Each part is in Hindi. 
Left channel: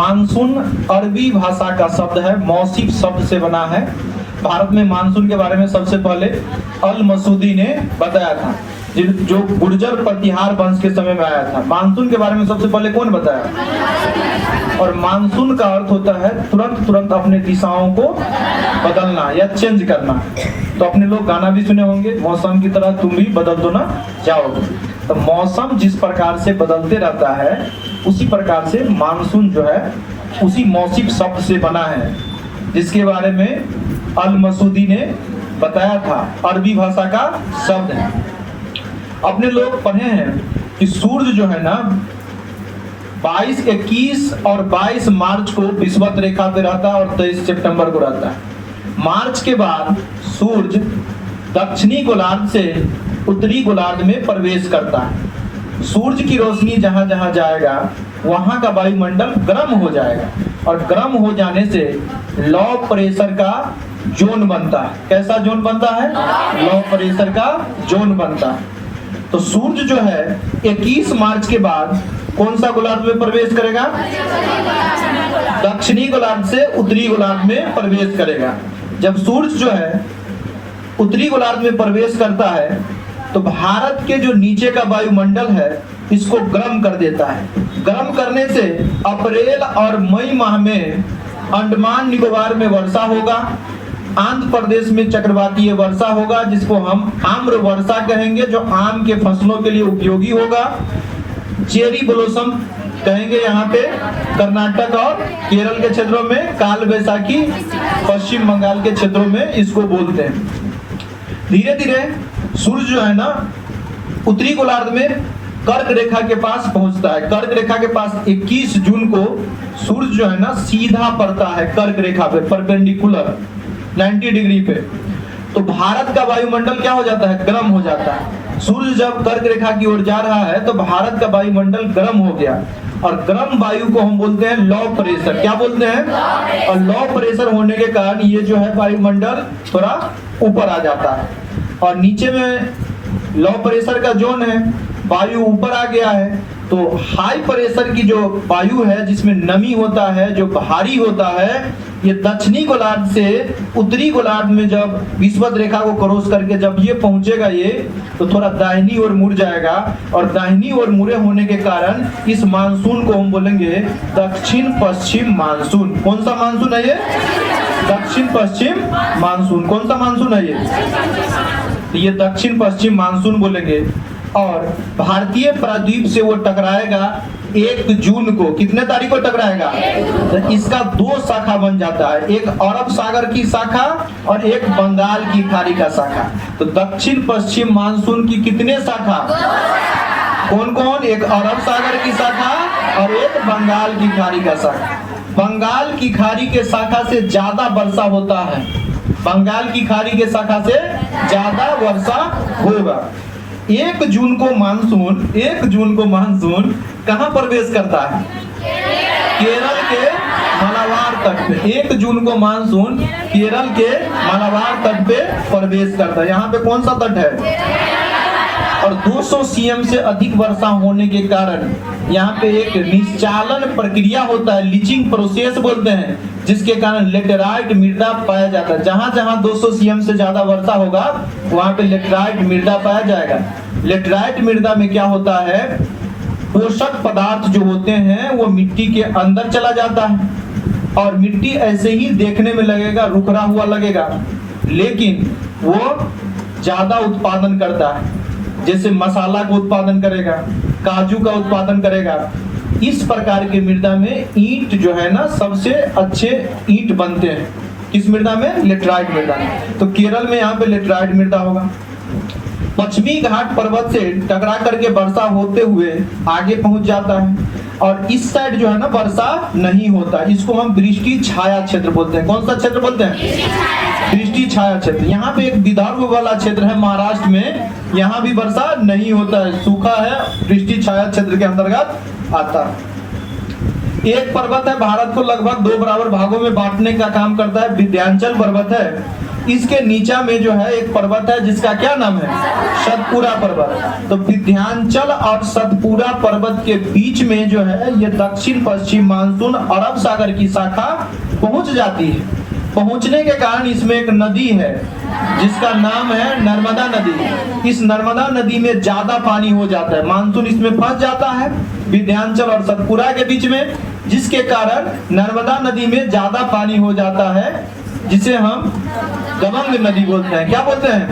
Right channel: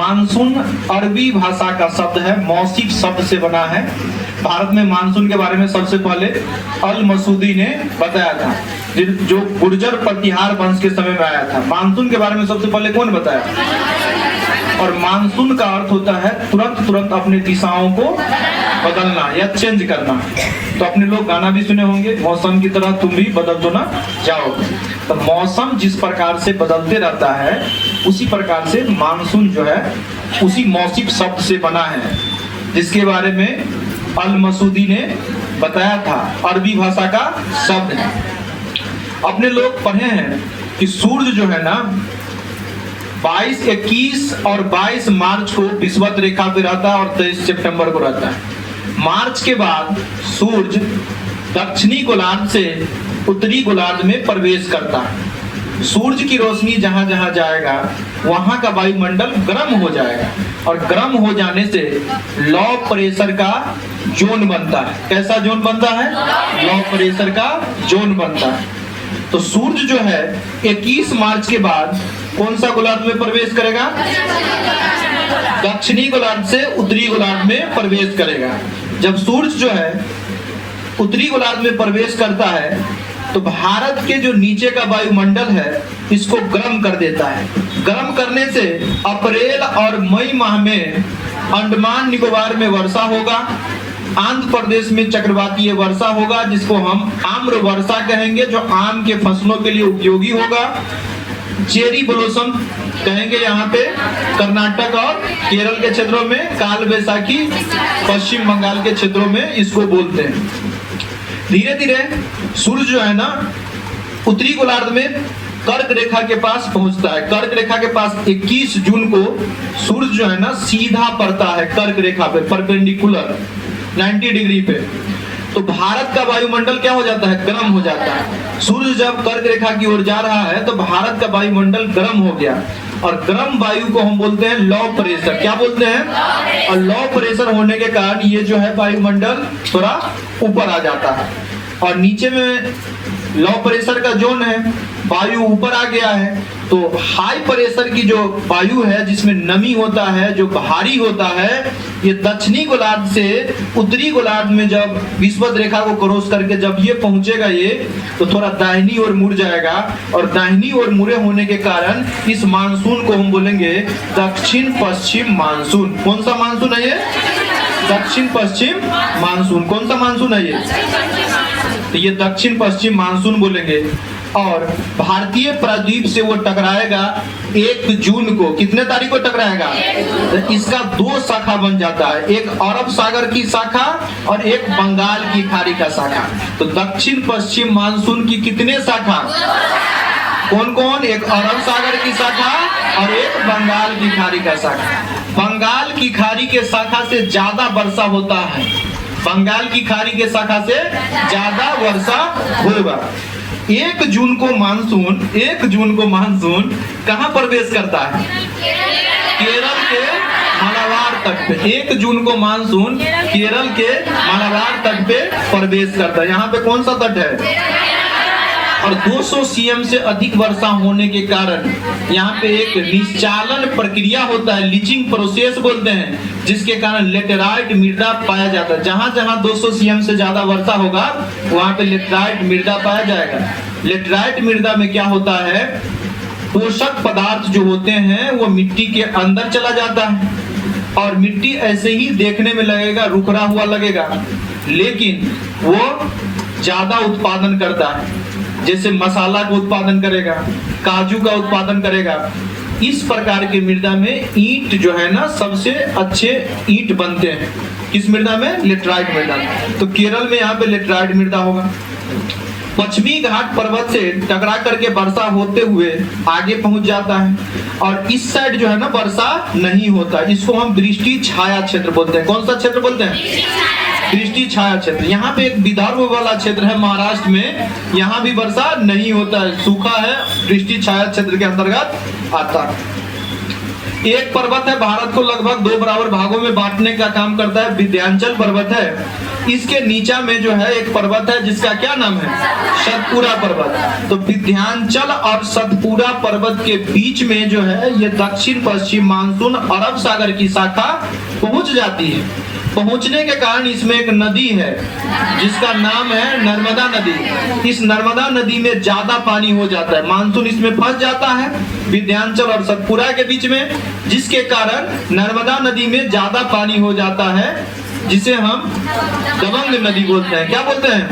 मानसून अरबी भाषा का शब्द है, मौसिफ शब्द से बना है। भारत में मानसून के बारे में सबसे पहले अल मसूदी ने बताया था, जो गुर्जर प्रतिहार वंश के समय में आया था। मानसून के बारे में सबसे पहले कौन बताया? और मानसून का अर्थ होता है तुरंत तुरंत अपने दिशाओं को बदलना या चेंज करना। तो अपने लोग गाना भी सुने होंगे, मौसम की तरह तुम भी बदल दो ना जाओगे। तो मौसम जिस प्रकार से बदलते रहता है उसी प्रकार से मानसून जो है उसी मौसिफ शब्द से बना है, जिसके बारे में अल मसूदी ने बताया था। अरबी भाषा का शब्द है। अपने लोग पढ़े हैं कि सूर्य जो है ना 22, 21 और 22 मार्च को विषुवत रेखा पे रहता है और 23 सितंबर को रहता है। मार्च के बाद सूर्य दक्षिणी गोलार्ध से उत्तरी गोलार्ध में प्रवेश करता है। सूर्य की रोशनी जहां जहां जाएगा वहां का वायुमंडल गर्म हो जाएगा और गर्म हो जाने से लो प्रेशर का जोन बनता है। कैसा जोन बनता है? लो प्रेशर का जोन बनता है। तो सूर्य जो है 21 मार्च के बाद कौन सा गोलार्ध में प्रवेश करेगा? दक्षिणी गोलार्ध से उत्तरी गोलार्ध में प्रवेश करेगा। जब सूर्य जो है उत्तरी गोलार्ध में प्रवेश करता है तो भारत के जो नीचे का वायुमंडल है इसको गर्म कर देता है। गर्म करने से अप्रैल और मई माह में अंडमान निकोबार में वर्षा होगा, आंध्र प्रदेश में चक्रवातीय वर्षा होगा जिसको हम आम्र वर्षा कहेंगे, जो आम के फसलों के लिए उपयोगी होगा। चेरी ब्लॉसम कहेंगे यहाँ पे कर्नाटक और केरल के क्षेत्रों में, काल बैसाखी पश्चिम बंगाल के क्षेत्रों में इसको बोलते हैं। धीरे धीरे सूर्य जो है ना उत्तरी गोलार्ध में कर्क रेखा के पास पहुंचता है। कर्क रेखा के पास 21 जून को सूर्य जो है ना सीधा पड़ता है कर्क रेखा पे, परपेंडिकुलर 90 डिग्री पे। तो भारत का वायुमंडल क्या हो जाता है? गर्म हो जाता है। सूर्य जब कर्क रेखा की ओर जा रहा है तो भारत का वायुमंडल गर्म हो गया और गर्म वायु को हम बोलते हैं लो प्रेशर। क्या बोलते हैं? और लो प्रेशर होने के कारण ये जो है वायुमंडल थोड़ा ऊपर आ जाता है और नीचे में लो प्रेशर का जोन है, वायु ऊपर आ गया है। तो हाई प्रेशर की जो वायु है जिसमें नमी होता है, जो भारी होता है, ये दक्षिणी गोलार्ध से उत्तरी गोलार्ध में जब विषुवत रेखा को क्रॉस करके जब ये पहुंचेगा ये तो थोड़ा दाहिनी ओर मुड़ जाएगा और दाहिनी ओर मुड़े होने के कारण इस मानसून को हम बोलेंगे दक्षिण पश्चिम मानसून। कौन सा मानसून है ये? दक्षिण पश्चिम मानसून। कौन सा मानसून है ये? तो ये दक्षिण पश्चिम मानसून बोलेंगे। और भारतीय प्रायद्वीप से वो टकराएगा 1 जून को। कितने तारीख को टकराएगा? तो इसका 2 शाखा बन जाता है, एक अरब सागर की शाखा और एक बंगाल की खाड़ी का शाखा। तो दक्षिण पश्चिम मानसून की कितने शाखा? कौन कौन? एक अरब सागर की शाखा और एक बंगाल की खाड़ी का शाखा। बंगाल की खाड़ी के शाखा से ज्यादा वर्षा होता है, बंगाल की खाड़ी के शाखा से ज्यादा वर्षा होगा। 1 जून को मानसून कहाँ प्रवेश करता है? केरल के मालाबार तट पे। 1 जून को मानसून केरल के मालाबार तट पे प्रवेश करता है। यहाँ पे कौन सा तट है? और 200 सीएम से अधिक वर्षा होने के कारण यहाँ पे एक निश्चालन प्रक्रिया होता है, लीचिंग प्रोसेस बोलते हैं, जिसके कारण लेटेराइट मृदा पाया जाता है। जहां जहां 200 सीएम से ज्यादा वर्षा होगा वहां पे लेटेराइट मृदा पाया जाएगा। लेटेराइट मृदा में क्या होता है? पोषक पदार्थ जो होते हैं वो मिट्टी के अंदर चला जाता है और मिट्टी ऐसे ही देखने में लगेगा, रुकरा हुआ लगेगा, लेकिन वो ज्यादा उत्पादन करता है। जैसे मसाला का उत्पादन करेगा, काजू का उत्पादन करेगा। इस प्रकार के मृदा में ईंट जो है ना सबसे अच्छे ईंट बनते हैं। किस मृदा में? लेटेराइट मृदा में। तो केरल में यहाँ पे लेटेराइट मृदा होगा। पश्चिमी घाट पर्वत से टकरा करके वर्षा होते हुए आगे पहुंच जाता है और इस साइड जो है ना वर्षा नहीं होता। इसको हम दृष्टि छाया क्षेत्र बोलते हैं। कौन सा क्षेत्र बोलते हैं? दृष्टि छाया क्षेत्र। यहाँ पे एक विदर्भ वाला क्षेत्र है महाराष्ट्र में, यहाँ भी वर्षा नहीं होता है, सूखा है, दृष्टि छाया क्षेत्र के अंतर्गत आता है। एक पर्वत है, भारत को लगभग 2 बराबर भागों में बांटने का काम करता है, विंध्याचल पर्वत है। इसके नीचा में जो है एक पर्वत है जिसका क्या नाम है, सतपुड़ा पर्वत। तो विंध्याचल और सतपुड़ा पर्वत के बीच में जो है ये दक्षिण पश्चिम मानसून अरब सागर की शाखा पहुंच जाती है। पहुंचने के कारण इसमें एक नदी है जिसका नाम है नर्मदा नदी। इस नर्मदा नदी में ज्यादा पानी हो जाता है, मानसून इसमें फंस जाता है विंध्याचल और सतपुड़ा के बीच में, जिसके कारण नर्मदा नदी में ज्यादा पानी हो जाता है, जिसे हम दबंग नदी बोलते हैं। क्या बोलते हैं,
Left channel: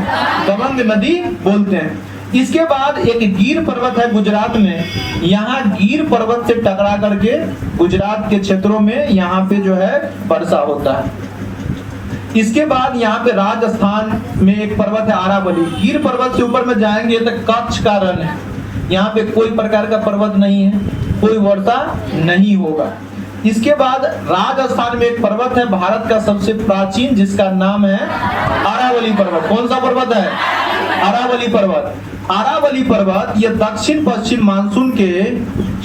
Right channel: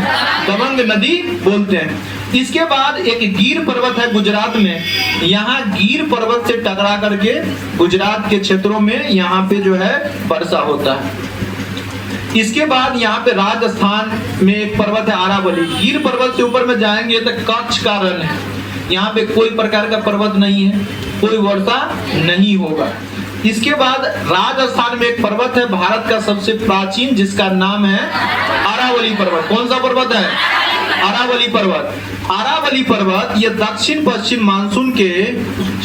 दबंग नदी बोलते हैं। इसके बाद एक गिर पर्वत है गुजरात में, यहाँ गिर पर्वत से टकरा करके गुजरात के क्षेत्रों में यहाँ पे जो है वर्षा होता है। इसके बाद यहाँ पे राजस्थान में एक पर्वत है अरावली। गिर पर्वत से ऊपर में जाएंगे तो कच्छ का रण है, यहाँ पे कोई प्रकार का पर्वत नहीं है, कोई वर्षा नहीं होगा। इसके बाद राजस्थान में एक पर्वत है भारत का सबसे प्राचीन, जिसका नाम है अरावली पर्वत। कौन सा पर्वत है, अरावली पर्वत। अरावली पर्वत यह दक्षिण पश्चिम मानसून के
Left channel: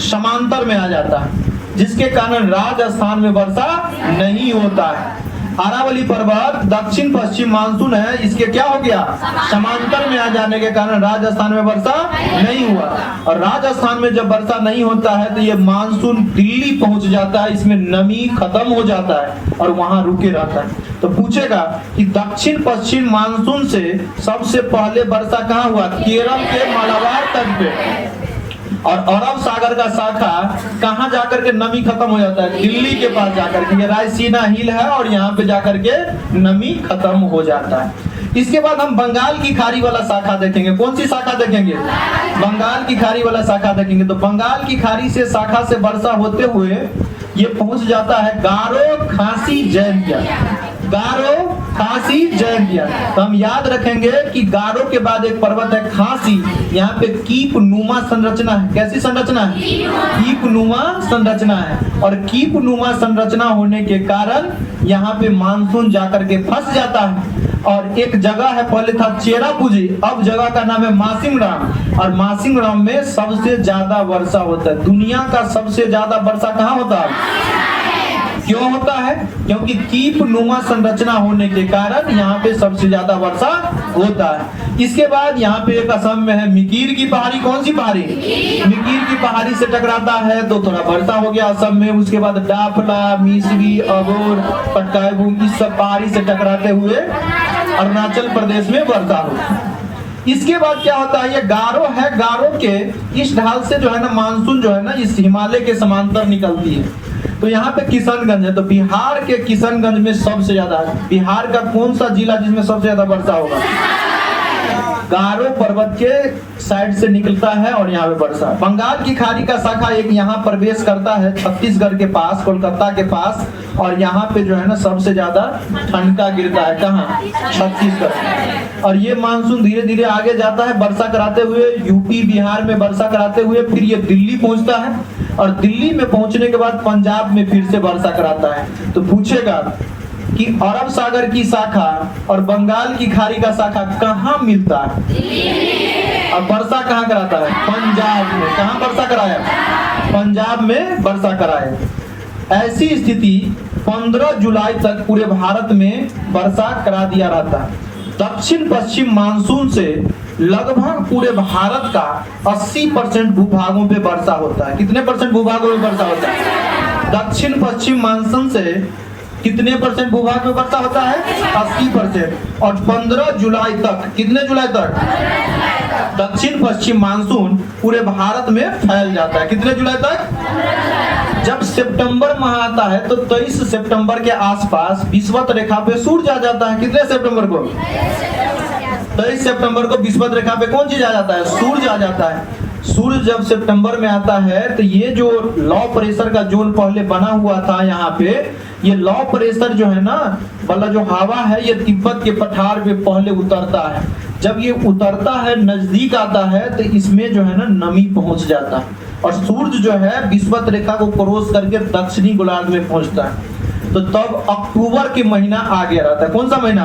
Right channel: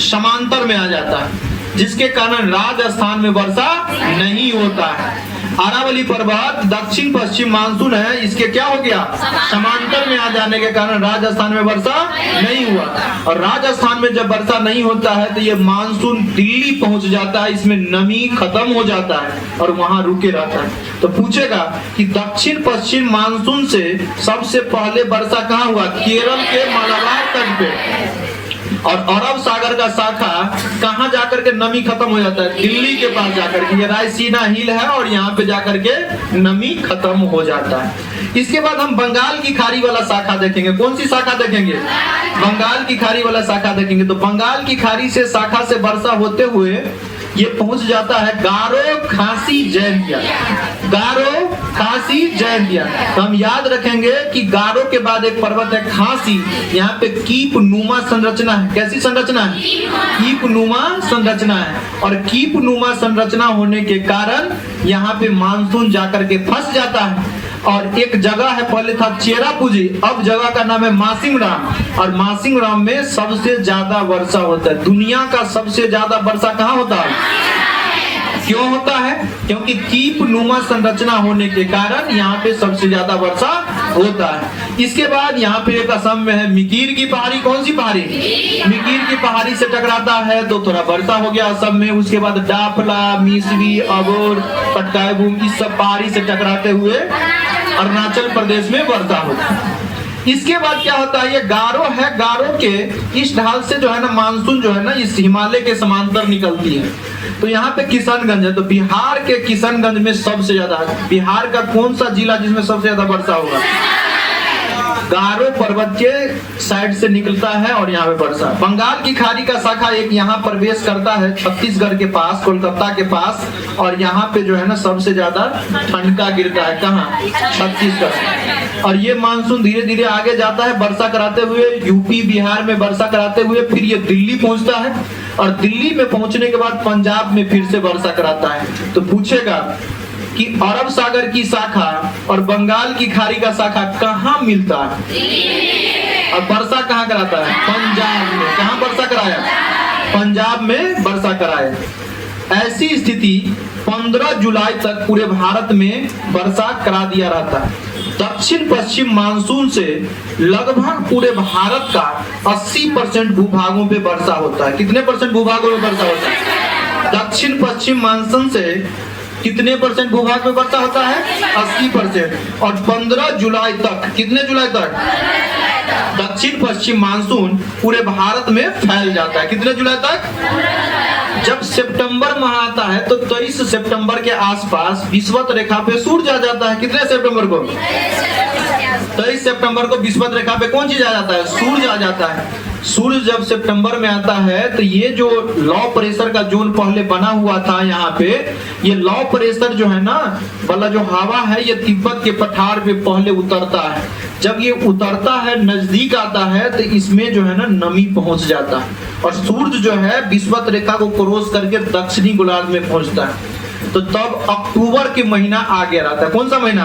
समांतर में आ जाता है, जिसके कारण राजस्थान में वर्षा नहीं होता है। अरावली पर्वत दक्षिण पश्चिम मानसून है, इसके क्या हो गया, समांतर में आ जाने के कारण राजस्थान में वर्षा नहीं हुआ। और राजस्थान में जब वर्षा नहीं होता है तो ये मानसून दिल्ली पहुंच जाता है, इसमें नमी खत्म हो जाता है और वहां रुके रहता है। तो पूछेगा कि दक्षिण पश्चिम मानसून से सबसे पहले वर्षा कहाँ हुआ, केरल के मालाबार तट पे। और अरब सागर का शाखा कहाँ जाकर के नमी खत्म हो जाता है, दिल्ली के पास जाकर के, ये रायसीना हिल है और यहाँ पे जाकर के नमी खत्म हो जाता है। इसके बाद हम बंगाल की खाड़ी वाला शाखा देखेंगे। कौन सी शाखा देखेंगे, बंगाल की खाड़ी वाला शाखा देखेंगे। तो बंगाल की खाड़ी से शाखा से वर्षा होते हुए ये पहुंच जाता है गारो खासी जैंतिया। गारो खासी जैंतिया। तो हम याद रखेंगे कि गारो के बाद एक पर्वत है खासी, यहाँ पे कीप नुमा संरचना है। कैसी संरचना है, कीप नुमा संरचना है। और कीप नुमा संरचना होने के कारण यहाँ पे मानसून जाकर के फंस जाता है। और एक जगह है, पहले था चेरापूंजी, अब जगह का नाम है मासिंगराम। और मासिंगराम में सबसे ज्यादा वर्षा होता है। दुनिया का सबसे ज्यादा वर्षा कहाँ होता है, क्यों होता है, क्योंकि कीप नुमा संरचना होने के कारण यहाँ पे सबसे ज्यादा वर्षा होता है। इसके बाद यहाँ पे एक असम में है मिकीर की पहाड़ी। कौन सी पहाड़ी, मिकीर की पहाड़ी से टकराता है तो थोड़ा वर्षा हो गया असम में। उसके बाद डाफला, मिसरी, अबोर, पटकाई, इस सब पहाड़ी से टकराते हुए अरुणाचल प्रदेश में वर्षा होती है। इसके बाद क्या होता है, ये गारो है, गारो के इस ढाल से जो है ना मानसून जो है ना इस हिमालय के समांतर निकलती है। तो यहाँ पे किशनगंज है, तो बिहार के किशनगंज में सबसे ज्यादा, बिहार का कौन सा जिला जिसमें सबसे ज्यादा वर्षा होगा, गारो पर्वत के साइड से निकलता है और यहाँ पे वर्षा। बंगाल की खाड़ी का शाखा एक यहाँ प्रवेश करता है छत्तीसगढ़ के पास, कोलकाता के पास, और यहाँ पे जो है ना सबसे ज्यादा ठंडका गिरता है। कहाँ, छत्तीसगढ़। और ये मानसून धीरे धीरे आगे जाता है वर्षा कराते हुए, यूपी बिहार में वर्षा कराते हुए, फिर ये दिल्ली पहुंचता है और दिल्ली में पहुंचने के बाद पंजाब में फिर से वर्षा कराता है। तो पूछेगा कि अरब सागर की शाखा और बंगाल की खाड़ी का शाखा कहाँ मिलता है, और वर्षा कहाँ कराता है, पंजाब में। कहाँ वर्षा कराया, पंजाब में वर्षा कराया। ऐसी स्थिति 15 जुलाई तक पूरे भारत में वर्षा करा दिया रहता है। दक्षिण पश्चिम मानसून से लगभग पूरे भारत का 80% भूभागों पे वर्षा होता है। कितने परसेंट भूभागों में वर्षा होता है, दक्षिण पश्चिम मानसून से कितने परसेंट भूभाग में वर्षा होता है, 80%। और 15 जुलाई तक, कितने जुलाई तक, दक्षिण पश्चिम मानसून पूरे भारत में फैल जाता है। कितने जुलाई तक, जब सितंबर माह आता है तो 23 सितंबर के आसपास विषुवत रेखा पे सूरज आ जाता है। कितने सितंबर को, 23 सितंबर को विषुवत रेखा पे कौन चीज आ जाता है, सूरज आ जाता है। सूरज जब सितंबर में आता है तो ये जो लो प्रेशर का जोन पहले बना हुआ था यहाँ पे, ये लो प्रेशर जो है ना वाला जो हवा है, ये तिब्बत के पठार पे पहले उतरता है। जब ये उतरता है, नजदीक आता है, तो इसमें जो है ना नमी पहुंच जाता है और सूरज जो है विषुवत रेखा को क्रॉस करके दक्षिणी गोलार्ध में पहुंचता है। तो तब अक्टूबर के महीना आ गया रहता है। कौन सा महीना,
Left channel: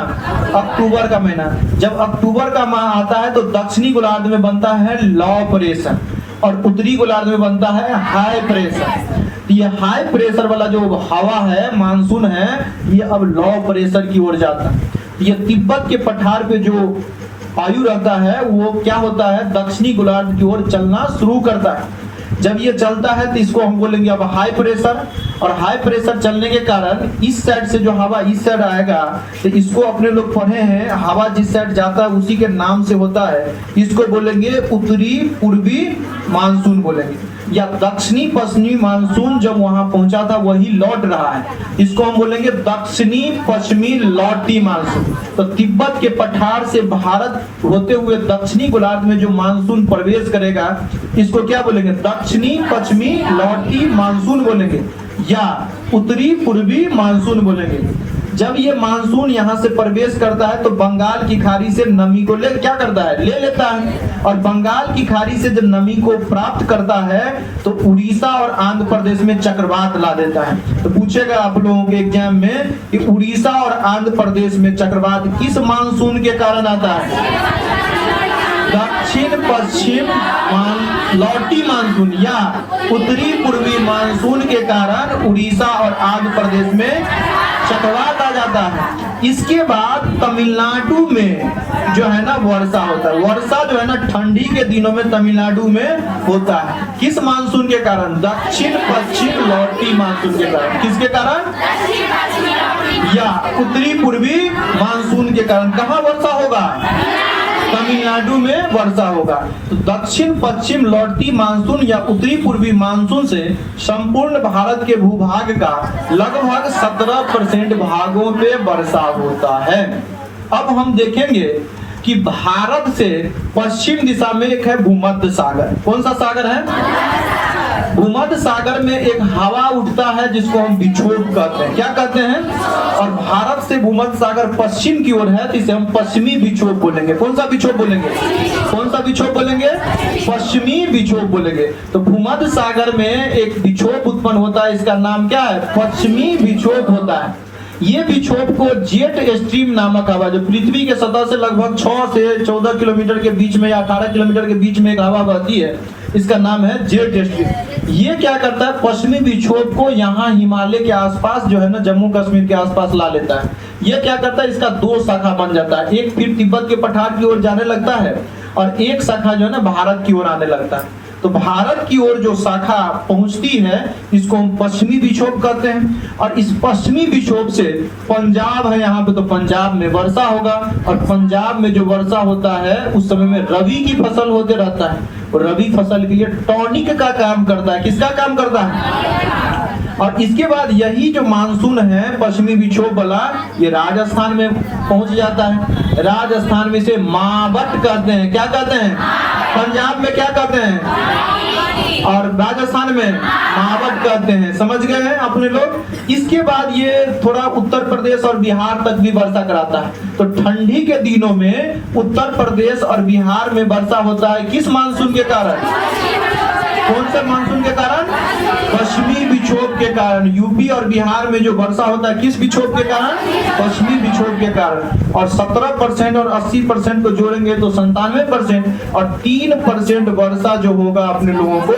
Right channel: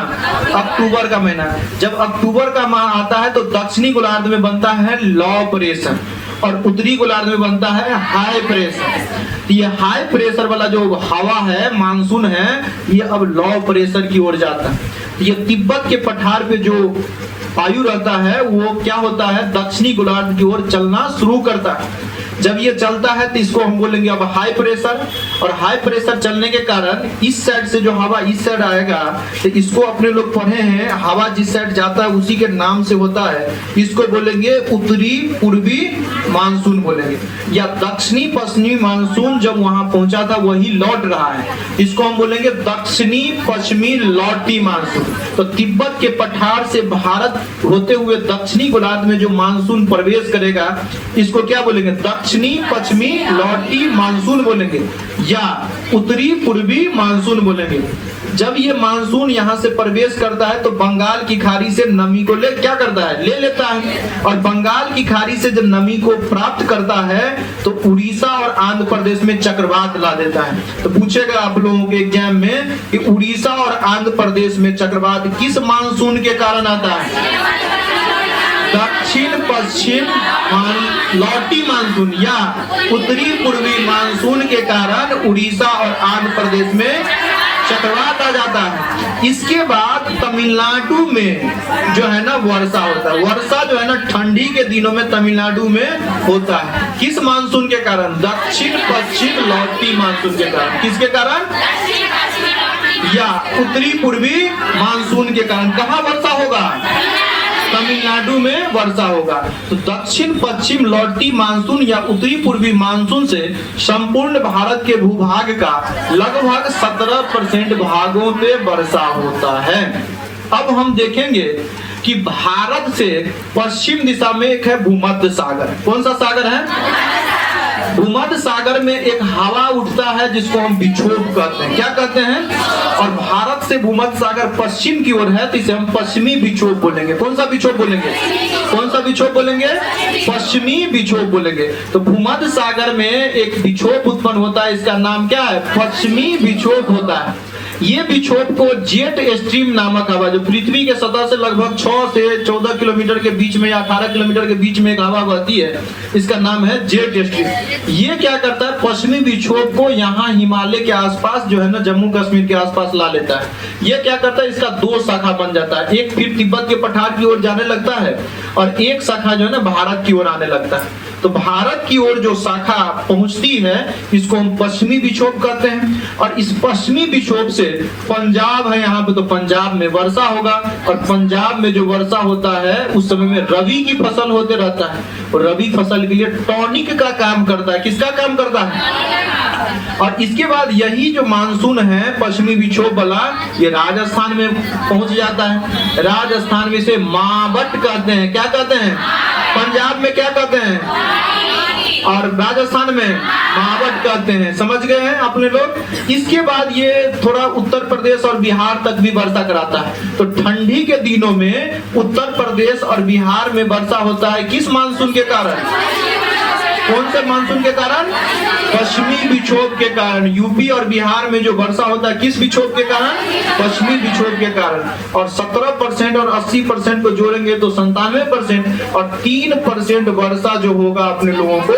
अक्टूबर का महीना। जब अक्टूबर का माह आता है तो दक्षिणी गोलार्ध में बनता है लो प्रेशर, और उत्तरी गोलार्ध में बनता है हाई प्रेशर। ये हाई प्रेशर वाला जो हवा है, मानसून है, ये अब लो प्रेशर की ओर जाता है। ये तिब्बत के पठार पे जो वायु रहता है वो क्या होता है, दक्षिणी गोलार्ध की ओर चलना शुरू करता है। जब ये चलता है तो इसको हम बोलेंगे अब हाई प्रेशर, और हाई प्रेशर चलने के कारण इस साइड से जो हवा इस साइड आएगा, तो इसको अपने लोग पढ़े हैं, हवा जिस साइड जाता है उसी के नाम से होता है, इसको बोलेंगे उत्तरी पूर्वी मानसून बोलेंगे, या दक्षिणी पश्चिमी मानसून जब वहां पहुंचा था वही लौट रहा है, इसको हम बोलेंगे दक्षिणी पश्चिमी लौटी मानसून। तो तिब्बत के पठार से भारत होते हुए दक्षिणी गोलार्ध में जो मानसून प्रवेश करेगा, इसको क्या बोलेंगे, दक्षिणी पश्चिमी लौटी मानसून बोलेंगे या उत्तरी पूर्वी मानसून बोलेंगे। जब ये मानसून यहाँ से प्रवेश करता है तो बंगाल की खाड़ी से नमी को क्या करता है, ले लेता है, और बंगाल की खाड़ी से जब नमी को प्राप्त करता है तो उड़ीसा और आंध्र प्रदेश में चक्रवात ला देता है। तो पूछेगा आप लोगों के एग्जाम में कि उड़ीसा और आंध्र प्रदेश में चक्रवात किस मानसून के कारण आता है, दक्षिण पश्चिम लौटी मानसून या उत्तरी पूर्वी मानसून के कारण उड़ीसा और आंध्र प्रदेश में चक्रवात आ जाता है। इसके बाद तमिलनाडु में जो है ना वर्षा होता है। वर्षा जो है ना ठंडी के दिनों में तमिलनाडु में होता है, किस मानसून के कारण, दक्षिण पश्चिम लौटी मानसून के कारण। किसके कारण, या उत्तरी पूर्वी मानसून के कारण। कहाँ वर्षा होगा, तमिलनाडु में वर्षा होगा। तो दक्षिण पश्चिम लौटी मानसून या उत्तरी पूर्वी मानसून से संपूर्ण भारत के भूभाग का लगभग 17% भागों पे वर्षा होता है। अब हम देखेंगे कि भारत से पश्चिम दिशा में एक है भूमध्य सागर। कौन सा सागर है, भूमध्य सागर में एक हवा उठता है जिसको हम विक्षोभ कहते हैं। क्या कहते हैं, और भारत से भूमध्य सागर पश्चिम की ओर है तो इसे हम पश्चिमी विक्षोभ बोलेंगे। कौन सा विक्षोभ बोलेंगे, कौन सा विक्षोभ बोलेंगे, पश्चिमी विक्षोभ बोलेंगे। तो भूमध्य सागर में एक विक्षोभ उत्पन्न होता है, इसका नाम क्या है, पश्चिमी विक्षोभ होता है। ये विक्षोभ को जेट स्ट्रीम नामक हवा, जो पृथ्वी के सतह से लगभग 6 से 14 किलोमीटर के बीच में या 18 किलोमीटर के बीच में एक हवा बहती है, इसका नाम है जेट स्ट्रीम। ये क्या करता है, पश्चिमी विक्षोभ को यहाँ हिमालय के आसपास जो है ना, जम्मू कश्मीर के आसपास ला लेता है। ये क्या करता है, इसका 2 शाखा बन जाता है, एक फिर तिब्बत के पठार की ओर जाने लगता है और एक शाखा जो है ना भारत की ओर आने लगता है। तो भारत की ओर जो शाखा पहुंचती है इसको हम पश्चिमी विक्षोभ कहते हैं, और इस पश्चिमी विक्षोभ से पंजाब है यहाँ पे, तो पंजाब में वर्षा होगा, और पंजाब में जो वर्षा होता है उस समय में रबी की फसल होते रहता है, और रबी फसल के लिए टॉनिक का काम करता है। किसका काम करता है, और इसके बाद यही जो मानसून है पश्चिमी विक्षोभ वाला, ये राजस्थान में पहुंच जाता है। राजस्थान में से मावट कहते हैं। क्या कहते हैं, पंजाब में क्या कहते हैं, और राजस्थान में मावट कहते हैं। समझ गए हैं अपने लोग। इसके बाद ये थोड़ा उत्तर प्रदेश और बिहार तक भी वर्षा कराता है। तो ठंडी के दिनों में उत्तर प्रदेश और बिहार में वर्षा होता है, किस मानसून के कारण, कौन से मानसून के कारण, पश्चिमी विक्षोभ के कारण। यूपी और बिहार में जो वर्षा होता है किस विक्षोभ के कारण, पश्चिमी विक्षोभ के कारण। और 17% और 80% को जोड़ेंगे तो 97%, और 3% वर्षा जो होगा अपने लोगों को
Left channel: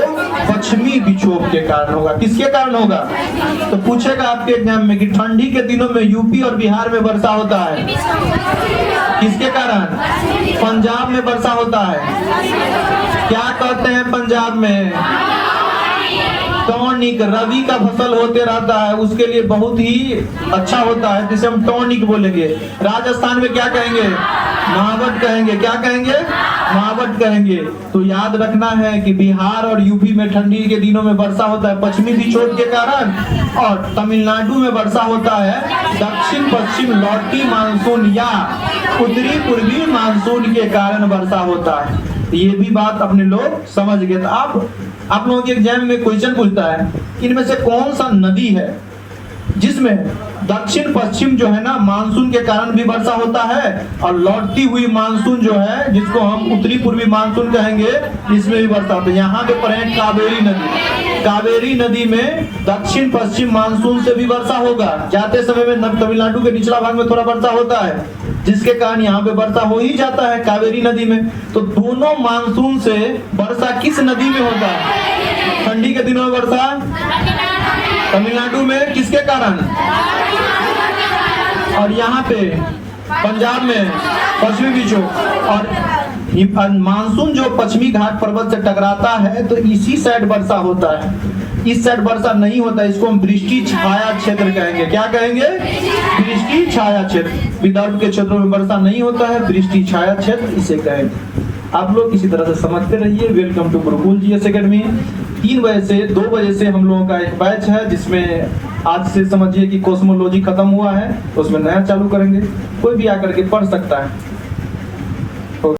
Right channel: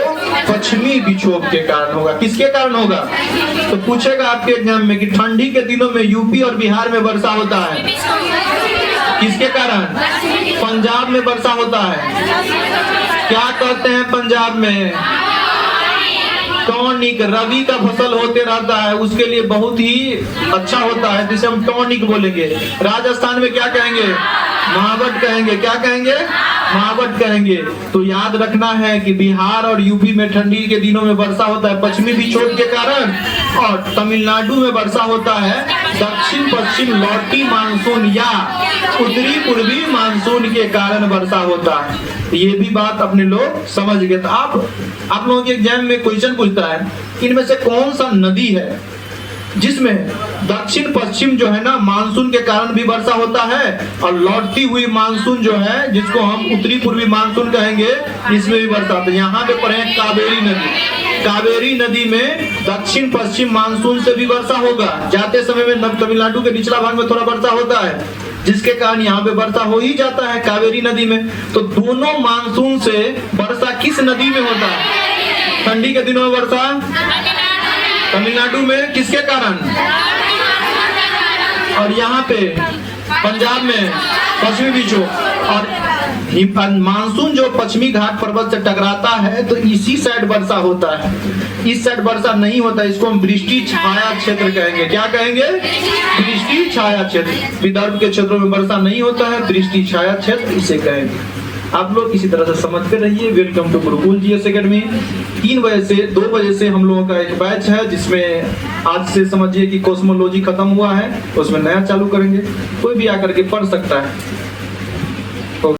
पश्चिमी विक्षोभ के कारण होगा। किसके कारण होगा, तो पूछेगा आपके एग्जाम में कि ठंडी के दिनों में यूपी और बिहार में वर्षा होता है, किसके कारण, पंजाब में वर्षा होता है। क्या कहते हैं पंजाब में, टॉनिक, रबी का फसल होते रहता है, उसके लिए बहुत ही अच्छा होता है, जिसे हम टॉनिक बोलेंगे। राजस्थान में क्या कहेंगे, मावट कहेंगे। क्या कहेंगे, मावट कहेंगे। तो याद रखना है कि बिहार और यूपी में ठंडी के दिनों में वर्षा होता है पश्चिमी विक्षोभ के कारण, और तमिलनाडु में वर्षा होता है दक्षिण पश्चिम लौटी मानसून या उत्तरी पूर्वी मानसून के कारण वर्षा होता है। ये भी बात अपने लोग समझ गए। तो आप लोगों के एग्जाम में क्वेश्चन पूछता है इनमें से कौन सा नदी है जिसमें दक्षिण पश्चिम जो है ना मानसून के कारण भी वर्षा होता है, और लौटती हुई मानसून जो है जिसको हम उत्तरी पूर्वी मानसून कहेंगे, इसमें भी वर्षा होता है। यहाँ पे पढ़े कावेरी नदी, कावेरी नदी में दक्षिण पश्चिम मानसून से भी वर्षा होगा। जाते समय में तमिलनाडु के निचला भाग में थोड़ा वर्षा होता है, जिसके कारण यहाँ पे वर्षा हो ही जाता है कावेरी नदी में। तो दोनों मानसून से वर्षा किस नदी में होता है? ठंडी के दिनों में वर्षा तमिलनाडु में किसके कारण? और यहाँ पे पंजाब में पश्चिमी बीचों, और मानसून जो पश्चिमी घाट पर्वत से टकराता है तो इसी साइड वर्षा होता है, इस साइड वर्षा नहीं होता। इसको हम वृष्टि छाया क्षेत्र कहेंगे। क्या कहेंगे? वृष्टि छाया क्षेत्र। विदर्भ के क्षेत्रों में वर्षा नहीं होता है, वृष्टि छाया क्षेत्र इसे कहेंगे। आप लोग इसी तरह से समझ कर रहिए। Welcome to Gurukul GS academy. 3 बजे से 2 बजे से हम लोगों का एक बैच है, जिसमें आज से समझिए कि कॉस्मोलॉजी खत्म हुआ है, उसमें नया चालू करेंगे। कोई भी आकर के पढ़ सकता है।